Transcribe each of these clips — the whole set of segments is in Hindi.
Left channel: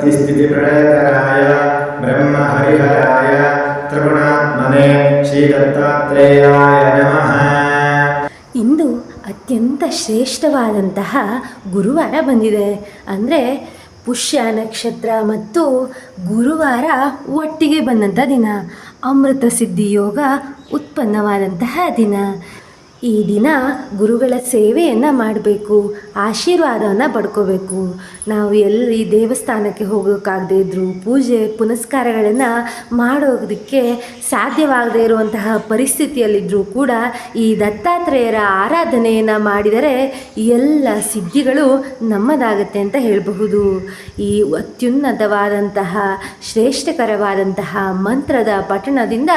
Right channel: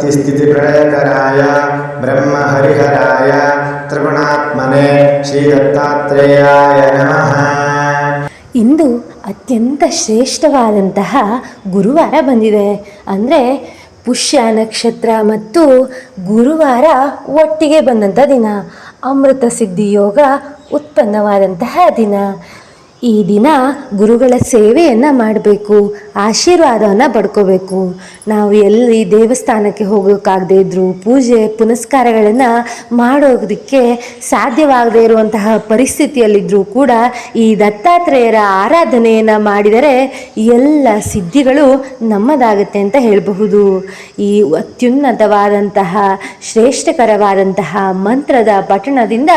उत्पत्तिस्थितिप्रलयकराय ब्रह्महरिहराय त्रिगुणात्मने श्रीदत्तात्रेयाय नमः। ಇಂದು ಅತ್ಯಂತ ಶ್ರೇಷ್ಠವಾದಂತಹ ಗುರುವಾರ ಬಂದಿದೆ. ಅಂದರೆ ಪುಷ್ಯ ನಕ್ಷತ್ರ ಮತ್ತು ಗುರುವಾರ ಒಟ್ಟಿಗೆ ಬಂದಂಥ ದಿನ, ಅಮೃತ ಸಿದ್ಧಿ ಯೋಗ ಉತ್ಪನ್ನವಾದಂತಹ ದಿನ. ಈ ದಿನ ಗುರುಗಳ ಸೇವೆಯನ್ನು ಮಾಡಬೇಕು, ಆಶೀರ್ವಾದವನ್ನು ಪಡ್ಕೋಬೇಕು. ನಾವು ಎಲ್ಲಿ ದೇವಸ್ಥಾನಕ್ಕೆ ಹೋಗೋಕ್ಕಾಗದೇ ಇದ್ದರೂ ಪೂಜೆ ಪುನಸ್ಕಾರಗಳನ್ನು ಮಾಡೋದಕ್ಕೆ ಸಾಧ್ಯವಾಗದೇ ಇರುವಂತಹ ಪರಿಸ್ಥಿತಿಯಲ್ಲಿದ್ದರೂ ಕೂಡ ಈ ದತ್ತಾತ್ರೇಯರ ಆರಾಧನೆಯನ್ನು ಮಾಡಿದರೆ ಎಲ್ಲ ಸಿದ್ಧಿಗಳು ನಮ್ಮದಾಗುತ್ತೆ ಅಂತ ಹೇಳಬಹುದು. ಈ ಅತ್ಯುನ್ನತವಾದಂತಹ ಶ್ರೇಷ್ಠಕರವಾದಂತಹ ಮಂತ್ರದ ಪಠಣದಿಂದ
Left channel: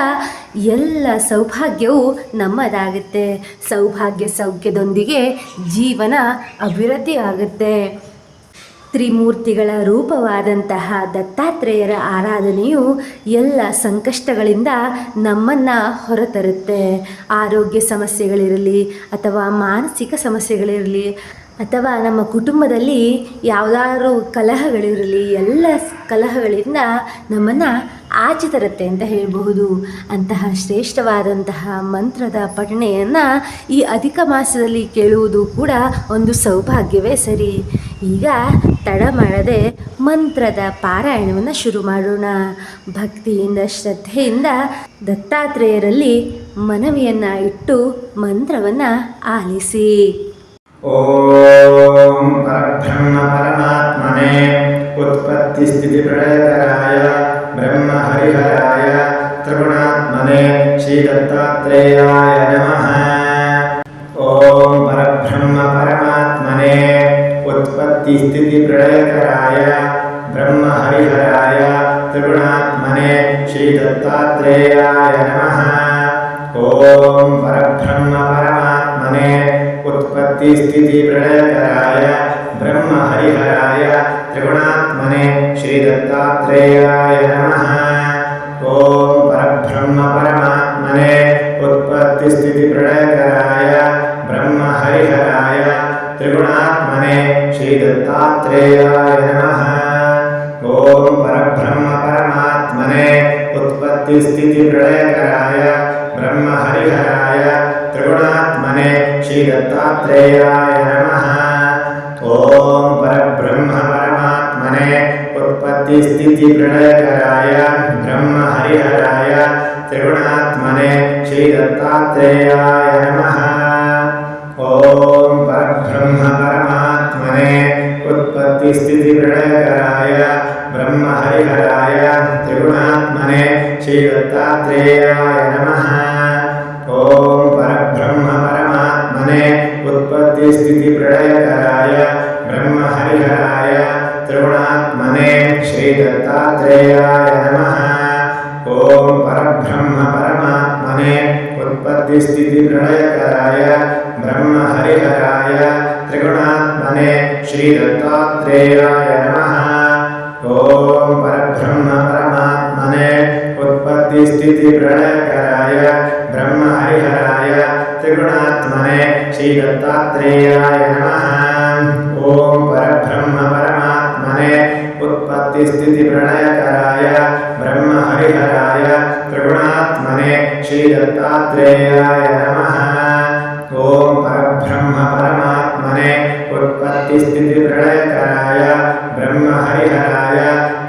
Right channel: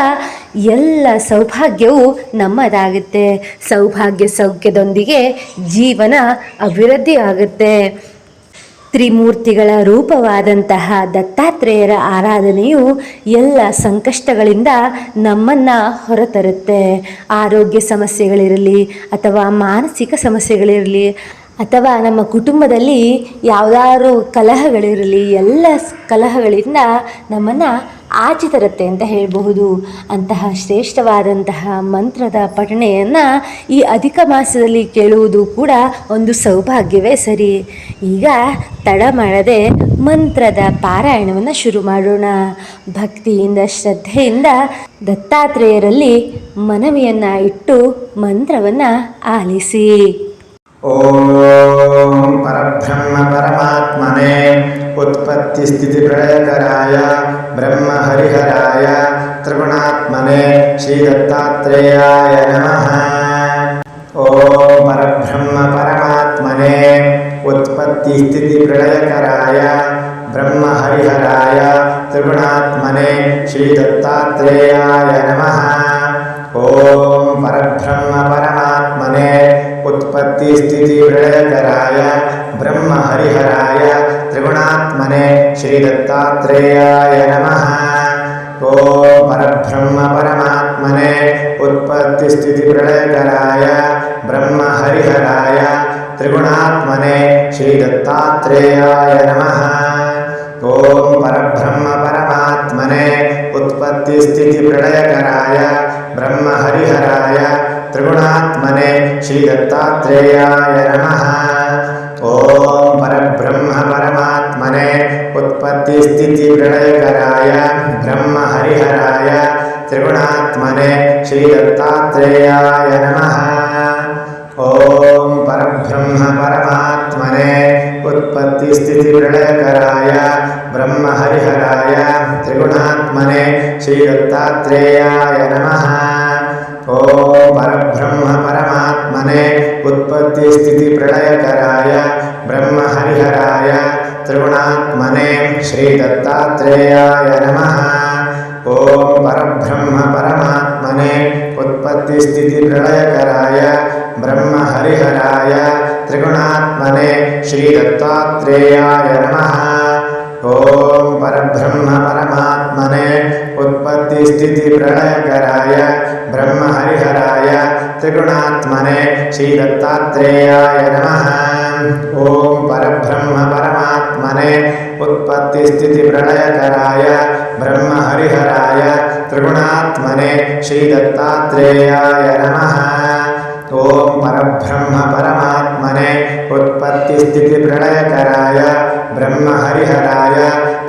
ಎಲ್ಲ ಸೌಭಾಗ್ಯವು ನಮ್ಮದಾಗುತ್ತೆ. ಸೌಭಾಗ್ಯ ಸೌಖ್ಯದೊಂದಿಗೆ ಜೀವನ ಅಭಿವೃದ್ಧಿ ಆಗುತ್ತೆ. ತ್ರಿಮೂರ್ತಿಗಳ ರೂಪವಾದಂತಹ ದತ್ತಾತ್ರೇಯರ ಆರಾಧನೆಯು ಎಲ್ಲ ಸಂಕಷ್ಟಗಳಿಂದ ನಮ್ಮನ್ನು ಹೊರತರುತ್ತೆ. ಆರೋಗ್ಯ ಸಮಸ್ಯೆಗಳಿರಲಿ ಅಥವಾ ಮಾನಸಿಕ ಸಮಸ್ಯೆಗಳಿರಲಿ ಅಥವಾ ನಮ್ಮ ಕುಟುಂಬದಲ್ಲಿ ಯಾವುದಾದ್ರೂ ಕಲಹಗಳಿರಲಿ, ಎಲ್ಲ ಕಲಹಗಳಿಂದ ನಮ್ಮನ್ನು ಆಚೆ ತರುತ್ತೆ ಅಂತ ಹೇಳಬಹುದು. ಅಂತಹ ಶ್ರೇಷ್ಠವಾದಂತಹ ಮಂತ್ರದ ಪಠಣೆಯನ್ನು ಈ ಅಧಿಕ ಮಾಸದಲ್ಲಿ ಕೇಳುವುದು ಕೂಡ ಒಂದು ಸೌಭಾಗ್ಯವೇ ಸರಿ. ಈಗ ತಡ ಮಾಡದೆ ಮಂತ್ರದ ಪಾರಾಯಣವನ್ನು ಶುರು ಮಾಡೋಣ. ಭಕ್ತಿಯಿಂದ ಶ್ರದ್ಧೆಯಿಂದ ದತ್ತಾತ್ರೇಯರಲ್ಲಿ ಮನವಿಯನ್ನು ಇಟ್ಟು ಮಂತ್ರವನ್ನು ಆಲಿಸಿ. ಓಂ ಪರಬ್ರಹ್ಮ ಪರಮಾತ್ಮನೆ उत्पत्तिस्थितिप्रलयकराय ब्रह्महरिहराय त्रिगुणात्मने श्रीदत्तात्रेयाय नमः। ओम परब्रह्म परमात्मने उत्पत्तिस्थितिप्रलयकराय ब्रह्महरिहराय त्रिगुणात्मने श्रीदत्तात्रेयाय नमः। ओम परब्रह्म परमात्मने उत्पत्तिस्थितिप्रलयकराय ब्रह्महरिहराय त्रिगुणात्मने श्रीदत्तात्रेयाय नमः। ओम परब्रह्म परमात्मने उत्पत्तिस्थितिप्रलयकराय ब्रह्महरिहराय त्रिगुणात्मने श्रीदत्तात्रेयाय नमः। ओम परब्रह्म परमात्मने उत्पत्तिस्थितिप्रलयकराय ब्रह्महरिहराय त्रिगुणात्मने श्रीदत्तात्रेयाय नमः। ओम परब्रह्म परमात्मने उत्पत्तिस्थितिप्रलयकराय ब्रह्महरिहराय त्रिगुणात्मने श्रीदत्तात्रेयाय नमः। ओम परब्रह्म परमात्मने उत्पत्तिस्थितिप्रलयकराय ब्रह्महरिहराय त्रिगुणात्मने श्रीदत्तात्रेयाय नमः। ओम परब्रह्म परमात्मने उत्पत्तिस्थितिप्रलयकराय ब्रह्महरिहराय त्रिगुणात्मने श्रीदत्तात्रेयाय नमः। ओम परब्रह्म परमात्मने उत्पत्तिस्थितिप्रलयकराय ब्रह्महरिहराय त्रिगुणात्मने श्रीदत्तात्रेयाय नमः। ओम परब्रह्म परमात्मने उत्पत्तिस्थितिप्रलयकराय ब्रह्महरिहराय त्रिगुणात्मने श्रीदत्तात्रेयाय नमः। ओम परब्रह्म परमात्मने उत्पत्तिस्थितिप्रलयकराय ब्रह्महरिहराय त्रिगुणात्मने श्रीदत्तात्रेयाय नमः। ओम परब्रह्म परमात्मने उत्पत्तिस्थितिप्रलयकराय ब्रह्महरिहराय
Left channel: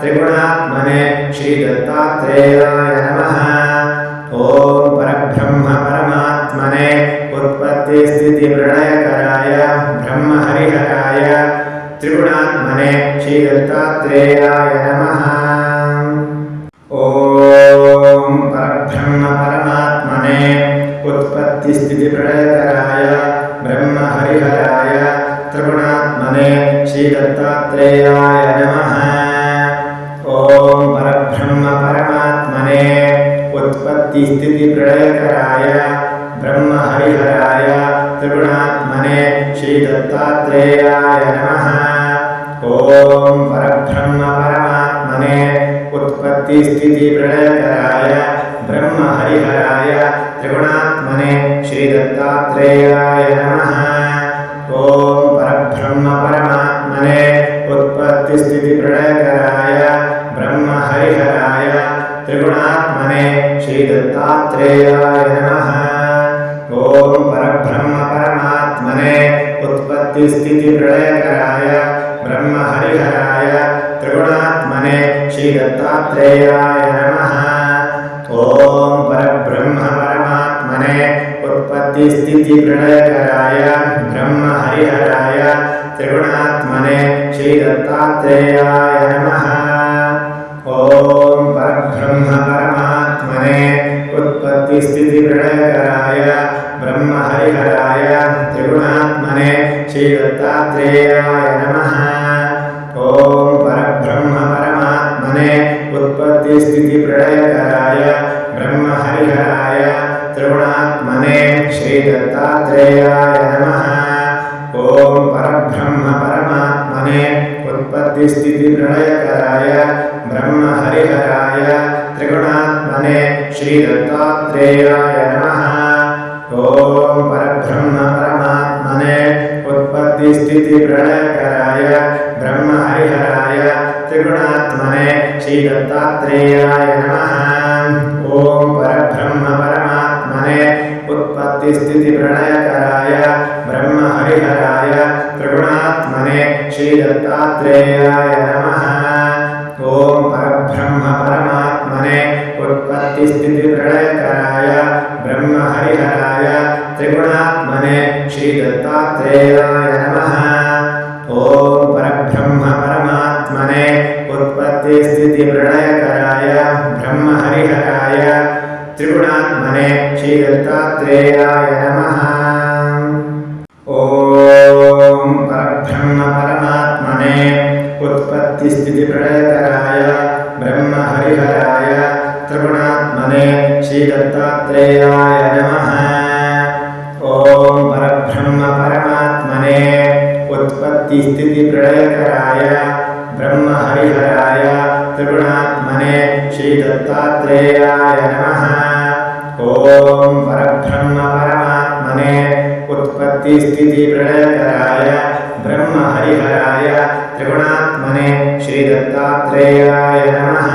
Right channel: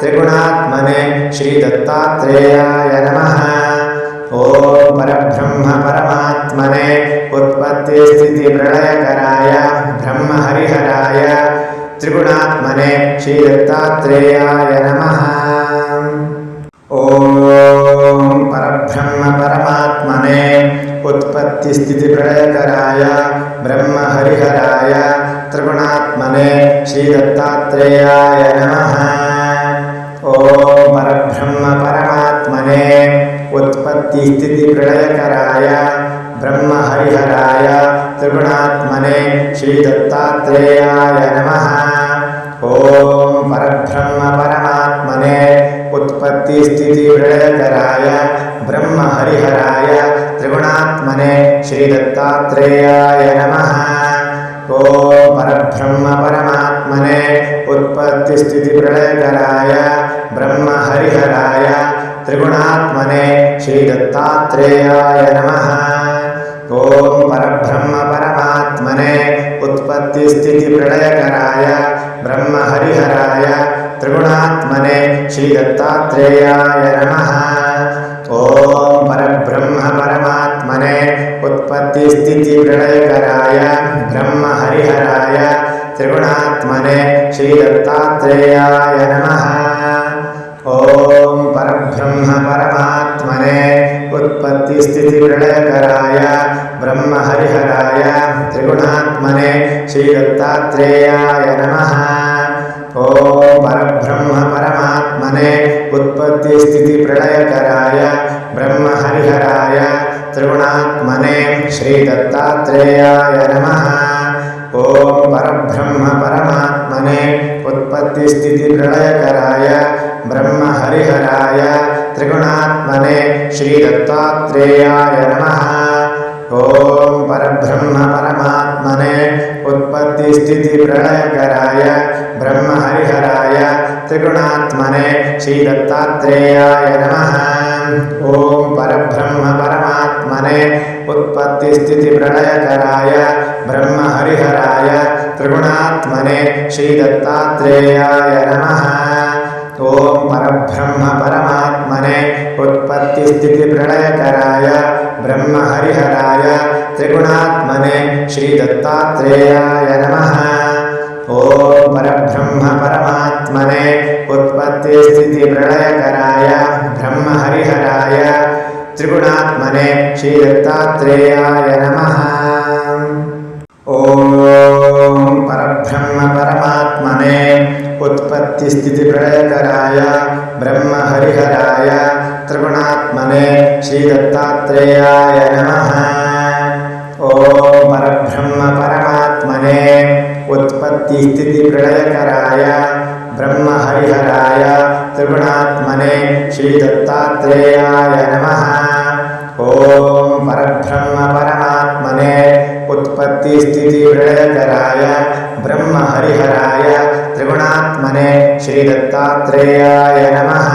त्रिगुणात्मने श्रीदत्तात्रेयाय नमः। ओम परब्रह्म परमात्मने उत्पत्तिस्थितिप्रलयकराय ब्रह्महरिहराय त्रिगुणात्मने श्रीदत्तात्रेयाय नमः। ओम परब्रह्म परमात्मने उत्पत्तिस्थितिप्रलयकराय ब्रह्महरिहराय त्रिगुणात्मने श्रीदत्तात्रेयाय नमः। ओम परब्रह्म परमात्मने उत्पत्तिस्थितिप्रलयकराय ब्रह्महरिहराय त्रिगुणात्मने श्रीदत्तात्रेयाय नमः। ओम परब्रह्म परमात्मने उत्पत्तिस्थितिप्रलयकराय ब्रह्महरिहराय त्रिगुणात्मने श्रीदत्तात्रेयाय नमः। ओम परब्रह्म परमात्मने उत्पत्तिस्थितिप्रलयकराय उत्पत्तिस्थितिप्रलयकराय ब्रह्महरिहराय त्रिगुणात्मने श्रीदत्तात्रेयाय नमः। ॐ परब्रह्म परमात्मने उत्पत्तिस्थितिप्रलयकराय ब्रह्महरिहराय त्रिगुणात्मने श्रीदत्तात्रेयाय नमः। ॐ परब्रह्म परमात्मने उत्पत्तिस्थितिप्रलयकराय ब्रह्महरिहराय त्रिगुणात्मने श्रीदत्तात्रेयाय नमः। ॐ परब्रह्म परमात्मने उत्पत्तिस्थितिप्रलयकराय ब्रह्महरिहराय त्रिगुणात्मने श्रीदत्तात्रेयाय नमः। ॐ परब्रह्म परमात्मने उत्पत्तिस्थितिप्रलयकराय ब्रह्महरिहराय त्रिगुणात्मने श्रीदत्तात्रेयाय नमः। ॐ परब्रह्म परमात्मने उत्पत्तिस्थितिप्रलयकराय ब्रह्महरिहराय त्रिगुणात्मने श्रीदत्तात्रेयाय नमः। ॐ परब्रह्म परमात्मने उत्पत्तिस्थितिप्रलयकराय ब्रह्महरिहराय त्रिगुणात्मने श्रीदत्तात्रेयाय नमः। ॐ परब्रह्म परमात्मने उत्पत्तिस्थितिप्रलयकराय ब्रह्महरिहराय त्रिगुणात्मने श्रीदत्तात्रेयाय नमः। ॐ परब्रह्म परमात्मने उत्पत्तिस्थितिप्रलयकराय ब्रह्महरिहराय त्रिगुणात्मने श्रीदत्तात्रेयाय नमः। ॐ परब्रह्म परमात्मने उत्पत्तिस्थितिप्रलयकराय ब्रह्महरिहराय त्रिगुणात्मने श्रीदत्तात्रेयाय नमः। ॐ परब्रह्म परमात्मने उत्पत्तिस्थितिप्रलयकराय ब्रह्महरिहराय त्रिगुणात्मने श्रीदत्तात्रेयाय नमः। ॐ परब्रह्म परमात्मने उत्पत्तिस्थितिप्रलयकराय ब्रह्महरिहराय त्रिगुणात्मने श्रीदत्तात्रेयाय नमः। ॐ परब्रह्म परमात्मने उत्पत्तिस्थितिप्रलयकराय ब्रह्महरिहराय त्रिगुणात्मने श्रीदत्तात्रेयाय नमः।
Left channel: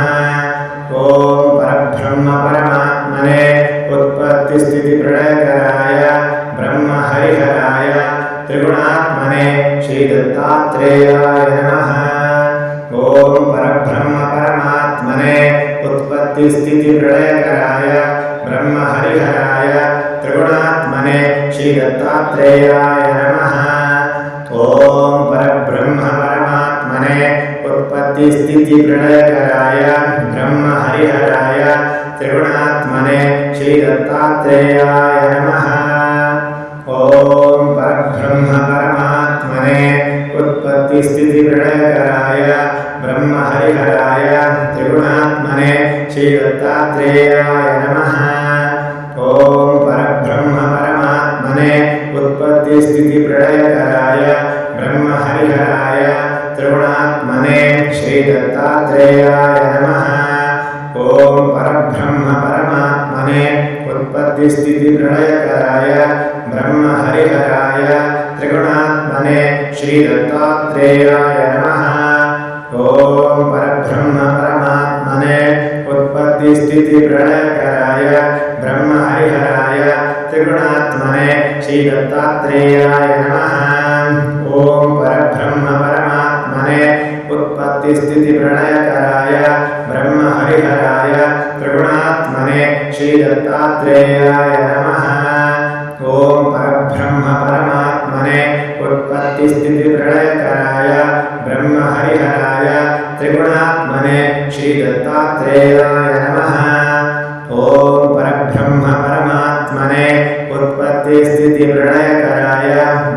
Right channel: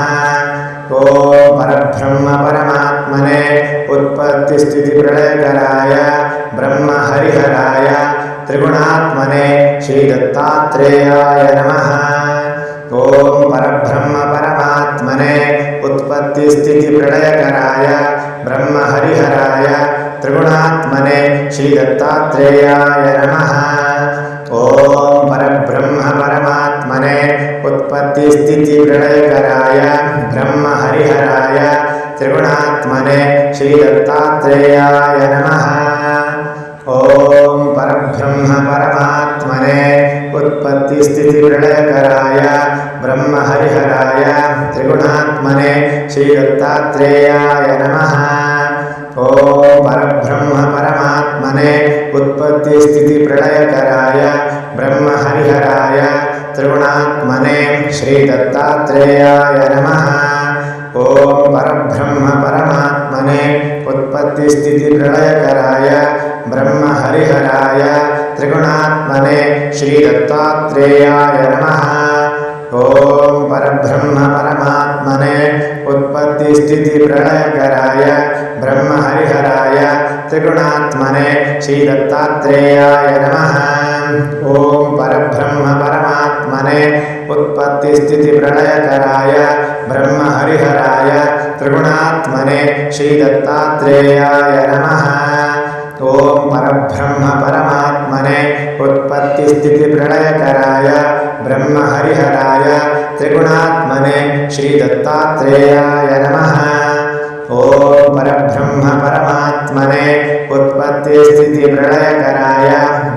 ॐ परब्रह्म परमात्मने उत्पत्तिस्थितिप्रलयकराय ब्रह्महरिहराय त्रिगुणात्मने श्रीदत्तात्रेयाय नमः। ॐ परब्रह्म परमात्मने उत्पत्तिस्थितिप्रलयकराय ब्रह्महरिहराय त्रिगुणात्मने श्रीदत्तात्रेयाय नमः। ॐ परब्रह्म परमात्मने उत्पत्तिस्थितिप्रलयकराय ब्रह्महरिहराय त्रिगुणात्मने श्रीदत्तात्रेयाय नमः। ॐ परब्रह्म परमात्मने उत्पत्तिस्थितिप्रलयकराय ब्रह्महरिहराय त्रिगुणात्मने श्रीदत्तात्रेयाय नमः। ॐ परब्रह्म परमात्मने उत्पत्तिस्थितिप्रलयकराय ब्रह्महरिहराय त्रिगुणात्मने श्रीदत्तात्रेयाय नमः। ॐ परब्रह्म परमात्मने उत्पत्तिस्थितिप्रलयकराय ब्रह्महरिहराय त्रिगुणात्मने श्रीदत्तात्रेयाय नमः। ॐ परब्रह्म परमात्मने उत्पत्तिस्थितिप्रलयकराय ब्रह्महरिहराय त्रिगुणात्मने श्रीदत्तात्रेयाय नमः। ॐ परब्रह्म परमात्मने उत्पत्तिस्थितिप्रलयकराय ब्रह्महरिहराय त्रिगुणात्मने श्रीदत्तात्रेयाय नमः। ॐ परब्रह्म परमात्मने उत्पत्तिस्थितिप्रलयकराय ब्रह्महरिहराय त्रिगुणात्मने श्रीदत्तात्रेयाय नमः। ॐ परब्रह्म परमात्मने उत्पत्तिस्थितिप्रलयकराय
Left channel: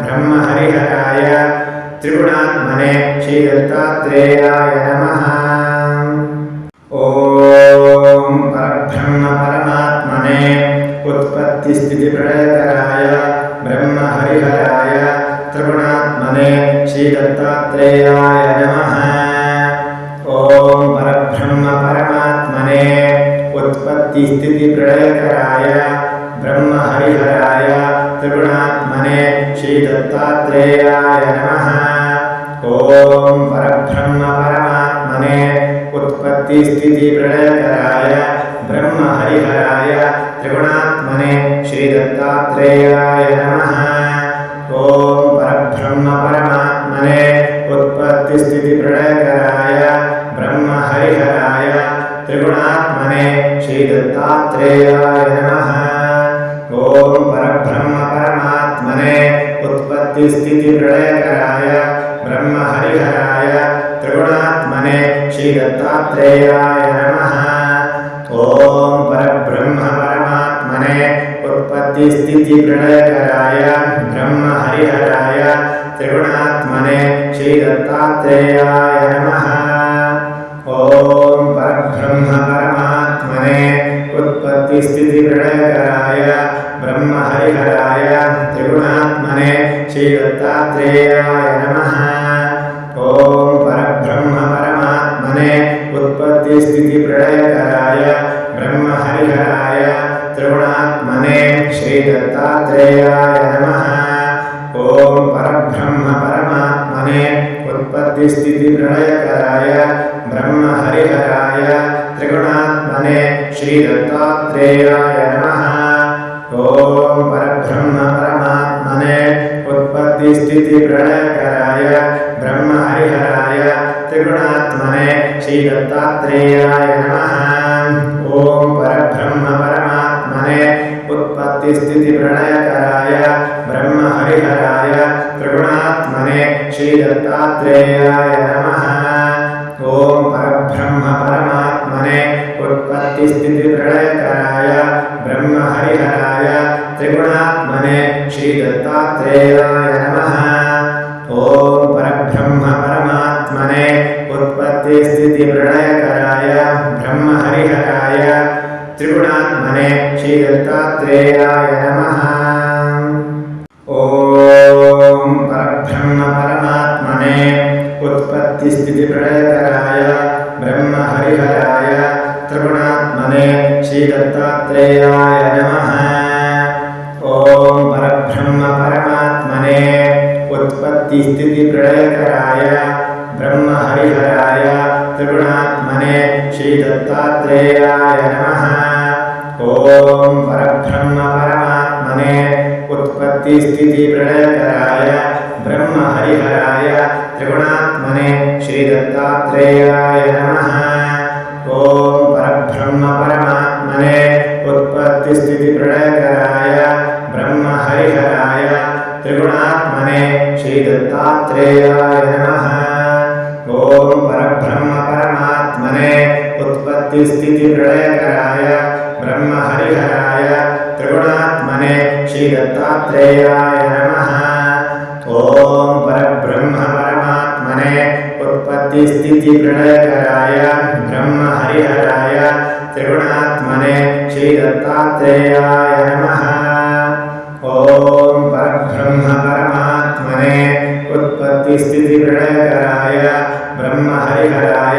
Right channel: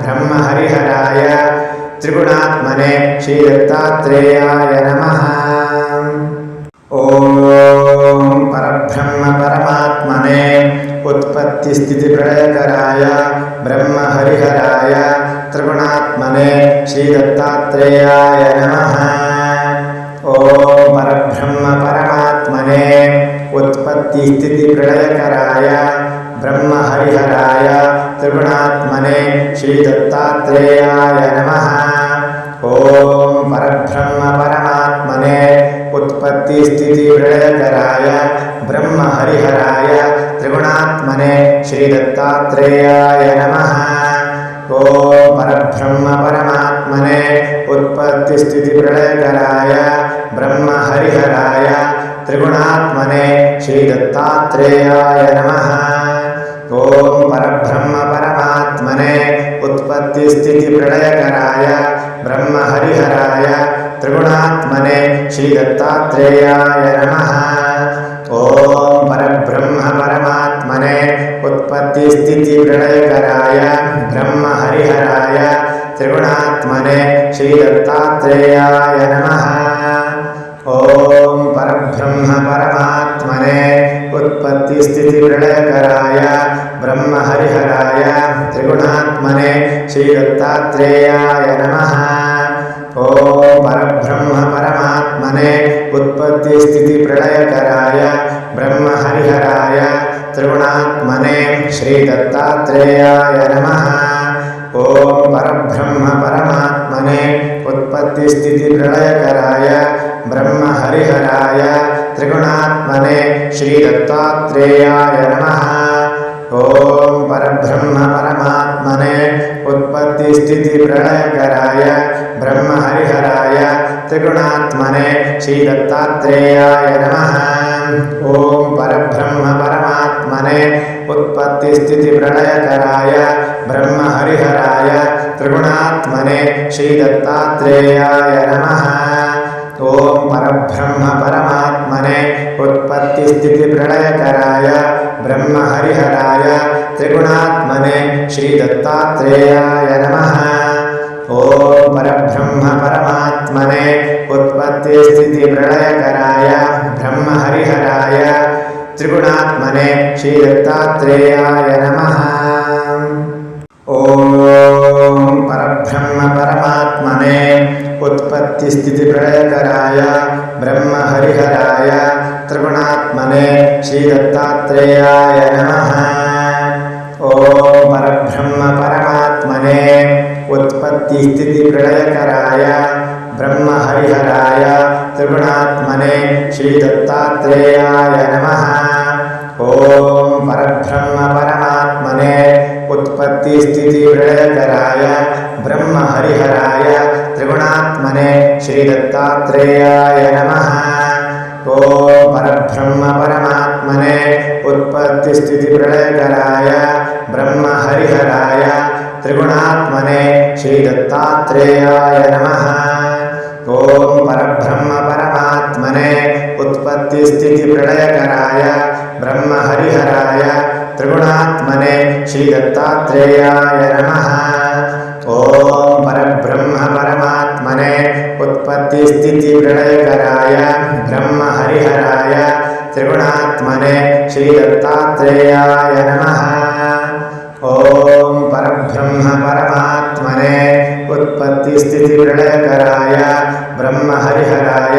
ब्रह्महरिहराय त्रिगुणात्मने श्रीदत्तात्रेयाय नमः। ॐ परब्रह्म परमात्मने उत्पत्तिस्थितिप्रलयकराय ब्रह्महरिहराय त्रिगुणात्मने श्रीदत्तात्रेयाय नमः। ॐ परब्रह्म परमात्मने उत्पत्तिस्थितिप्रलयकराय ब्रह्महरिहराय त्रिगुणात्मने श्रीदत्तात्रेयाय नमः। ॐ परब्रह्म उत्पत्तिस्थितिप्रलयकराय ब्रह्महरिहराय त्रिगुणात्मने श्रीदत्तात्रेयाय नमः। ॐ परब्रह्म परमात्मने उत्पत्तिस्थितिप्रलयकराय ब्रह्महरिहराय त्रिगुणात्मने श्रीदत्तात्रेयाय नमः। ॐ परब्रह्म परमात्मने उत्पत्तिस्थितिप्रलयकराय ब्रह्महरिहराय त्रिगुणात्मने श्रीदत्तात्रेयाय नमः। ॐ परब्रह्म परमात्मने उत्पत्तिस्थितिप्रलयकराय ब्रह्महरिहराय त्रिगुणात्मने श्रीदत्तात्रेयाय नमः। ॐ परब्रह्म परमात्मने उत्पत्तिस्थितिप्रलयकराय ब्रह्महरिहराय त्रिगुणात्मने श्रीदत्तात्रेयाय नमः। ॐ परब्रह्म परमात्मने उत्पत्तिस्थितिप्रलयकराय ब्रह्महरिहराय त्रिगुणात्मने श्रीदत्तात्रेयाय नमः। ॐ परब्रह्म परमात्मने उत्पत्तिस्थितिप्रलयकराय ब्रह्महरिहराय त्रिगुणात्मने श्रीदत्तात्रेयाय नमः। ॐ परब्रह्म परमात्मने उत्पत्तिस्थितिप्रलयकराय ब्रह्महरिहराय त्रिगुणात्मने श्रीदत्तात्रेयाय नमः। ॐ परब्रह्म परमात्मने उत्पत्तिस्थितिप्रलयकराय ब्रह्महरिहराय त्रिगुणात्मने श्रीदत्तात्रेयाय नमः। ॐ परब्रह्म परमात्मने उत्पत्तिस्थितिप्रलयकराय ब्रह्महरिहराय त्रिगुणात्मने श्रीदत्तात्रेयाय नमः। ॐ परब्रह्म परमात्मने उत्पत्तिस्थितिप्रलयकराय ब्रह्महरिहराय त्रिगुणात्मने श्रीदत्तात्रेयाय नमः। ॐ परब्रह्म परमात्मने उत्पत्तिस्थितिप्रलयकराय ब्रह्महरिहराय त्रिगुणात्मने श्रीदत्तात्रेयाय नमः। ॐ परब्रह्म परमात्मने उत्पत्तिस्थितिप्रलयकराय ब्रह्महरिहराय त्रिगुणात्मने श्रीदत्तात्रेयाय नमः। ॐ परब्रह्म परमात्मने उत्पत्तिस्थितिप्रलयकराय ब्रह्महरिहराय त्रिगुणात्मने श्रीदत्तात्रेयाय नमः। ॐ परब्रह्म परमात्मने उत्पत्तिस्थितिप्रलयकराय ब्रह्महरिहराय त्रिगुणात्मने श्रीदत्तात्रेयाय नमः। ॐ परब्रह्म परमात्मने उत्पत्तिस्थितिप्रलयकराय ब्रह्महरिहराय त्रिगुणात्मने श्रीदत्तात्रेयाय नमः। ॐ परब्रह्म परमात्मने उत्पत्तिस्थितिप्रलयकराय ब्रह्महरिहराय त्रिगुणात्मने श्रीदत्तात्रेयाय नमः। ॐ परब्रह्म परमात्मने उत्पत्तिस्थितिप्रलयकराय ब्रह्महरिहराय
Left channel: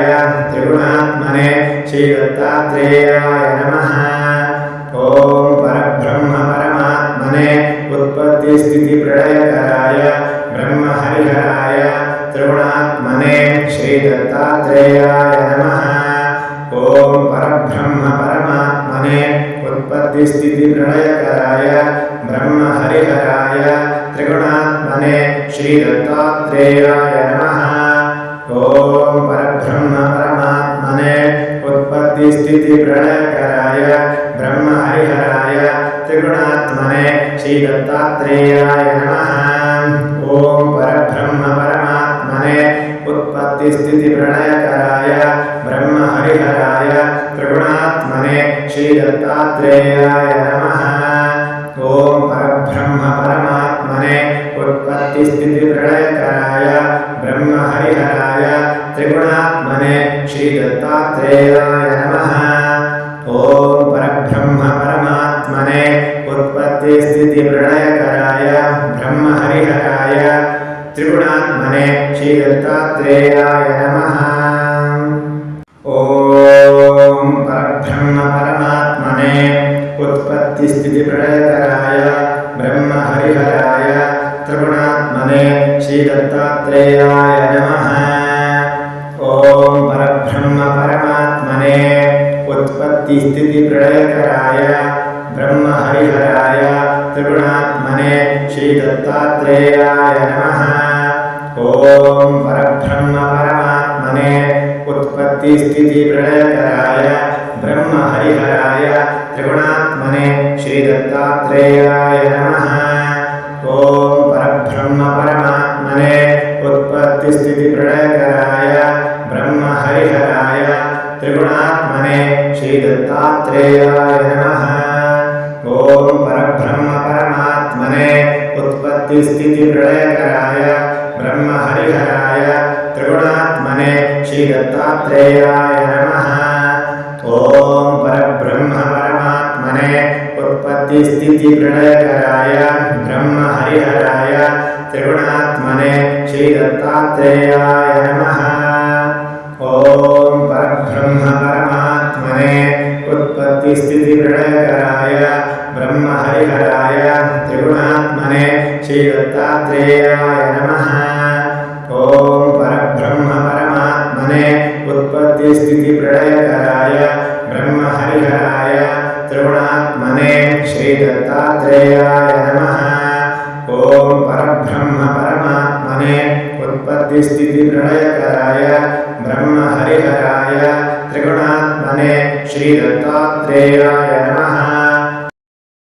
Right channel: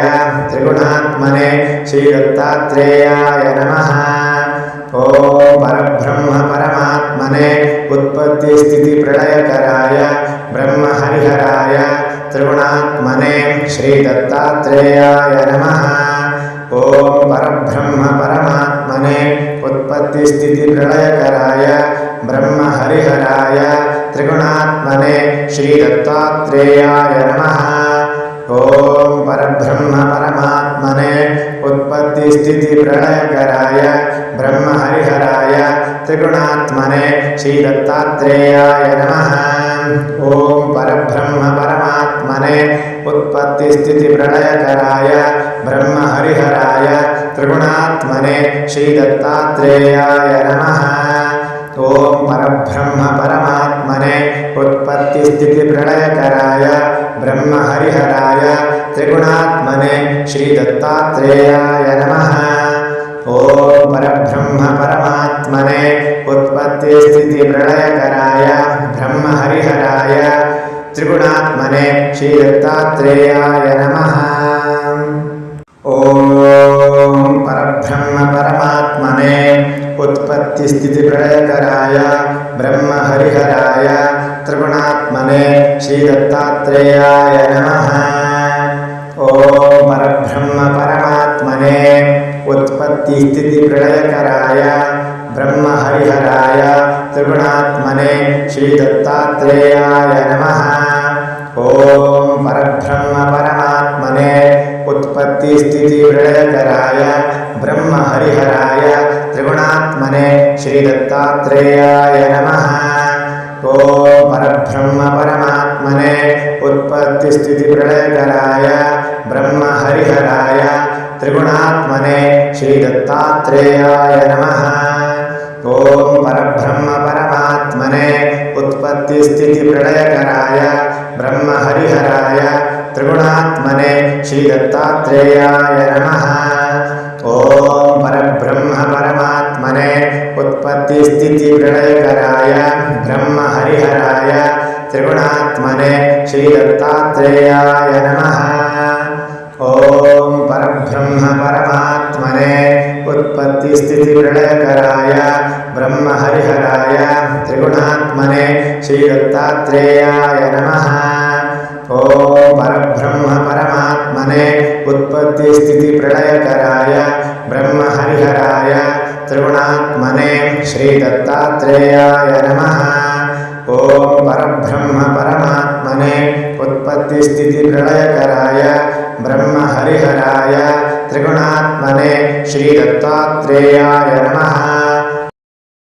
त्रिगुणात्मने श्रीदत्तात्रेयाय नमः। ॐ परब्रह्म परमात्मने उत्पत्तिस्थितिप्रलयकराय ब्रह्महरिहराय त्रिगुणात्मने श्रीदत्तात्रेयाय नमः। ॐ परब्रह्म परमात्मने उत्पत्तिस्थितिप्रलयकराय ब्रह्महरिहराय त्रिगुणात्मने श्रीदत्तात्रेयाय नमः। ॐ परब्रह्म परमात्मने उत्पत्तिस्थितिप्रलयकराय ब्रह्महरिहराय त्रिगुणात्मने श्रीदत्तात्रेयाय नमः। ॐ परब्रह्म परमात्मने उत्पत्तिस्थितिप्रलयकराय ब्रह्महरिहराय त्रिगुणात्मने श्रीदत्तात्रेयाय नमः। ॐ परब्रह्म परमात्मने उत्पत्तिस्थितिप्रलयकराय ब्रह्महरिहराय त्रिगुणात्मने श्रीदत्तात्रेयाय नमः। ॐ परब्रह्म परमात्मने उत्पत्तिस्थितिप्रलयकराय ब्रह्महरिहराय त्रिगुणात्मने श्रीदत्तात्रेयाय नमः। ॐ परब्रह्म परमात्मने उत्पत्तिस्थितिप्रलयकराय ब्रह्महरिहराय त्रिगुणात्मने श्रीदत्तात्रेयाय नमः। ॐ परब्रह्म परमात्मने परमात्मने उत्पत्तिस्थितिप्रलयकराय ब्रह्महरिहराय त्रिगुणात्मने श्रीदत्तात्रेयाय नमः। ॐ परब्रह्म परमात्मने उत्पत्तिस्थितिप्रलयकराय ब्रह्महरिहराय त्रिगुणात्मने श्रीदत्तात्रेयाय नमः। ॐ परब्रह्म परमात्मने उत्पत्तिस्थितिप्रलयकराय ब्रह्महरिहराय त्रिगुणात्मने श्रीदत्तात्रेयाय नमः। ॐ परब्रह्म परमात्मने उत्पत्तिस्थितिप्रलयकराय ब्रह्महरिहराय त्रिगुणात्मने श्रीदत्तात्रेयाय नमः। ॐ परब्रह्म परमात्मने उत्पत्तिस्थितिप्रलयकराय ब्रह्महरिहराय त्रिगुणात्मने श्रीदत्तात्रेयाय नमः। ॐ परब्रह्म परमात्मने उत्पत्तिस्थितिप्रलयकराय ब्रह्महरिहराय त्रिगुणात्मने श्रीदत्तात्रेयाय नमः। ॐ परब्रह्म परमात्मने उत्पत्तिस्थितिप्रलयकराय ब्रह्महरिहराय त्रिगुणात्मने श्रीदत्तात्रेयाय नमः। ॐ परब्रह्म परमात्मने उत्पत्तिस्थितिप्रलयकराय ब्रह्महरिहराय त्रिगुणात्मने श्रीदत्तात्रेयाय नमः।